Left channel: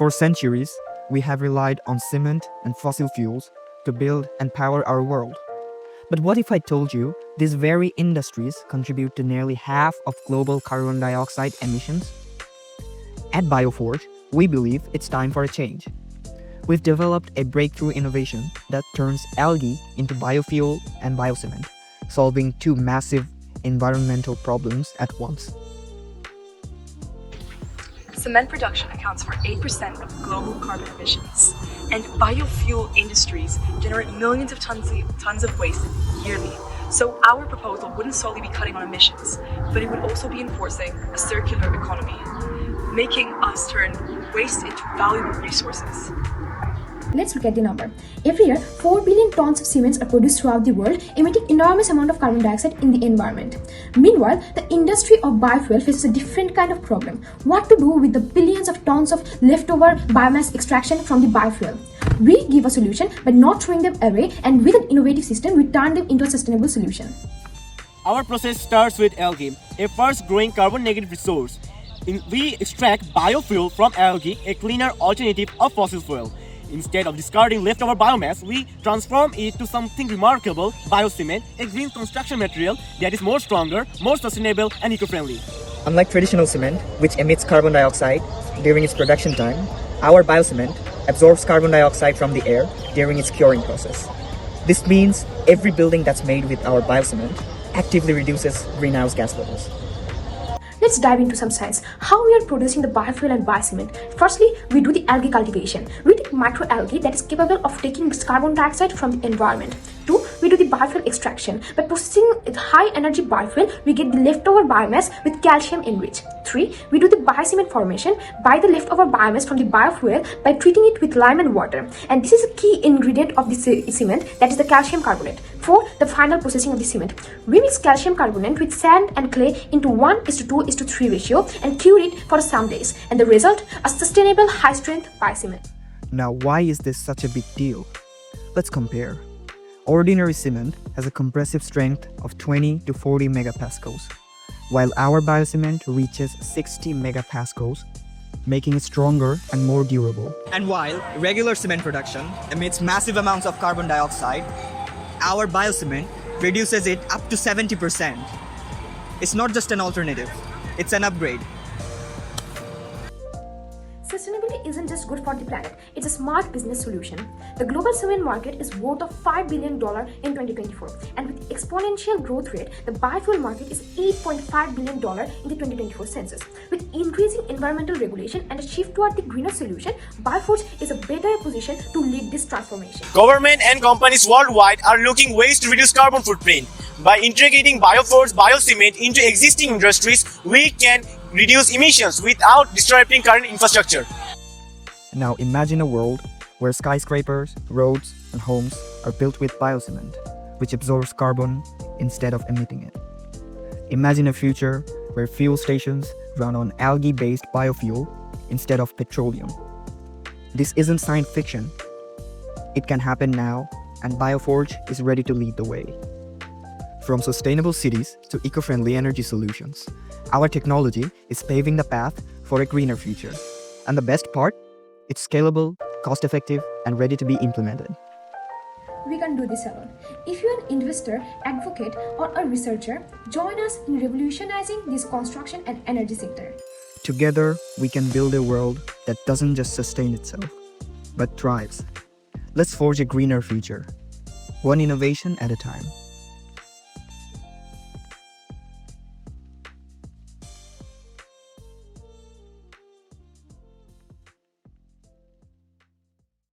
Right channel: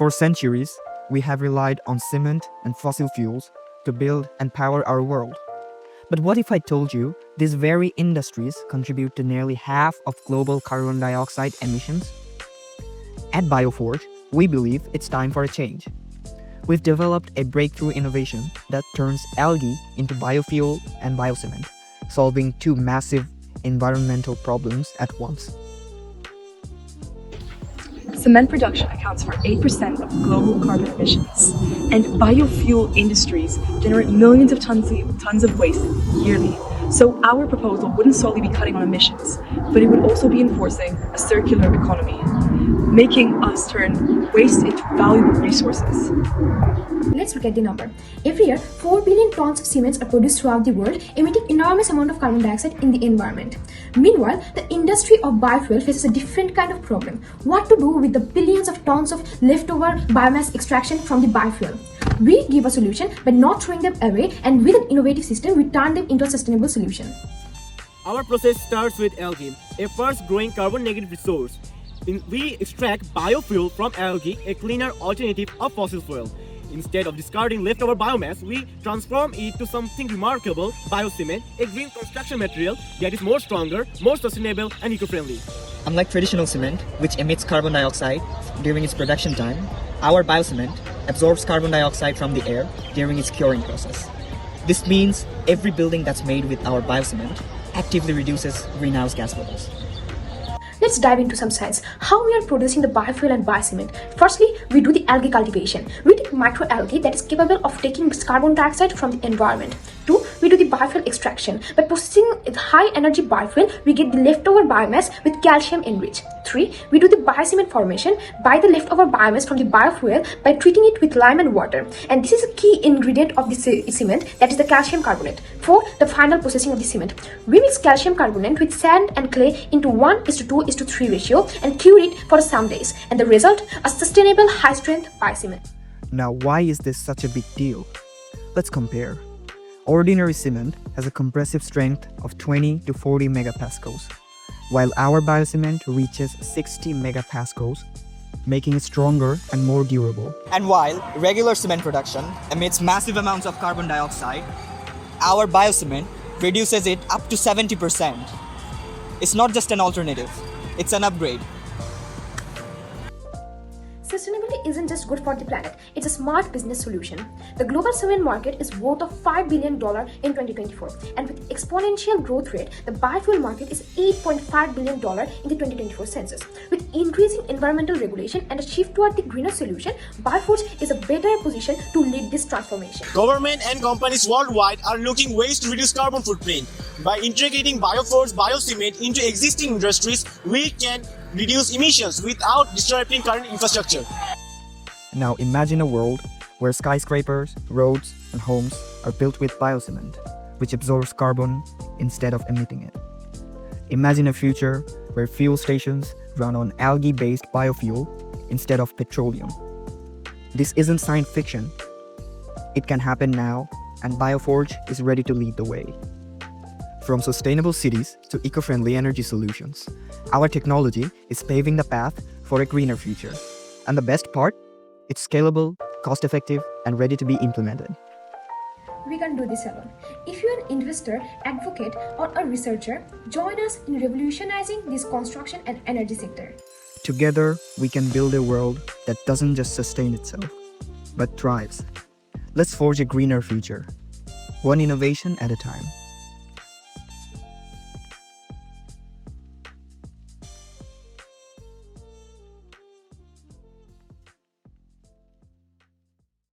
For centuries, we have relied on cement and fossil fuels to build and power our world. But what if I told you these very industries contribute to nearly half of global carbon dioxide emissions? At BioFORGE, we believe it's time for a change. We've developed a breakthrough innovation that turns algae into biofuel and biocement, solving two massive environmental problems at once. Cement production accounts for 8% of global carbon emissions, and biofuel industries generate millions of tons of waste yearly. So our proposal wouldn't solely be cutting on emissions, but it would also be enforcing a circular economy, making us turn waste into valuable resources. Let's look at the number. Every year, 4 billion tons of cements are produced throughout the world, emitting enormous amount of carbon dioxide in the environment. Meanwhile, the industry of biofuel faces a different kind of problem. What to do with the billions of tons of leftover biomass extraction from the biofuel? We give a solution by not throwing them away, and with an innovative system, we turn them into a sustainable solution. Our process starts with algae, a fast-growing carbon-negative resource. We extract biofuel from algae, a cleaner alternative of fossil fuel. Instead of discarding leftover biomass, we transform it to something remarkable, biocement, a green construction material that is more stronger, more sustainable and eco-friendly. Unlike traditional cement, which emits carbon dioxide during its production time, our biocement absorbs carbon dioxide from the air during its curing process. This means every building that's made with our biocement actively reduces greenhouse gas levels. Let's dive into some science. How we are producing the biofuel and biocement. Firstly, we do the algae cultivation. We take microalgae that is capable of taking this carbon dioxide from the environment. 2. We do the biofuel extraction. By processing the high energy biofuel, we get the leftover biomass with calcium enriched. 3. We do the biocement formation by the leftover biomass from the biofuel by treating it with lime and water. And this is a key ingredient of the cement, that is the calcium carbonate. 4. The final processing of the cement. We mix calcium carbonate with sand and clay into 1:2:3 ratio and cure it for some days. And the result, a sustainable high-strength biocement. Now, why is this such a big deal? Let's compare. Ordinary cement has a compressive strength of 20 to 40 megapascals, while our biocement reaches 60 megapascals, making it stronger and more durable. And while regular cement production emits massive amounts of carbon dioxide, our biocement reduces it up to 70%. It's not just an alternative, it's an upgrade. Sustainability isn't just good for the planet, it's a smart business solution. The global cement market is worth of $5 billion in 2024, and with exponential growth rate, the biofuel market is $8.5 billion in the 2024 census. With increasing environmental regulation and a shift toward the greener solution, BioFORGE is a better position to lead this transformation. Government and companies worldwide are looking ways to reduce carbon footprint. By integrating BioFORGE biocement into existing industries, we can reduce emissions without disrupting current infrastructure. Now imagine a world where skyscrapers, roads, and homes are built with biocement, which absorbs carbon instead of emitting it. Imagine a future where fuel stations run on algae-based biofuel instead of petroleum. This isn't science fiction. It can happen now, and BioFORGE is ready to lead the way. From sustainable cities to eco-friendly energy solutions, our technology is paving the path for a greener future. And the best part? It's scalable, cost-effective, and ready to be implemented. We can do this alone. If you're an investor, advocate, or a researcher, join us in revolutionizing this construction and energy sector. Together, we can build a world that doesn't just sustain itself, but thrives. Let's forge a greener future, one innovation at a time.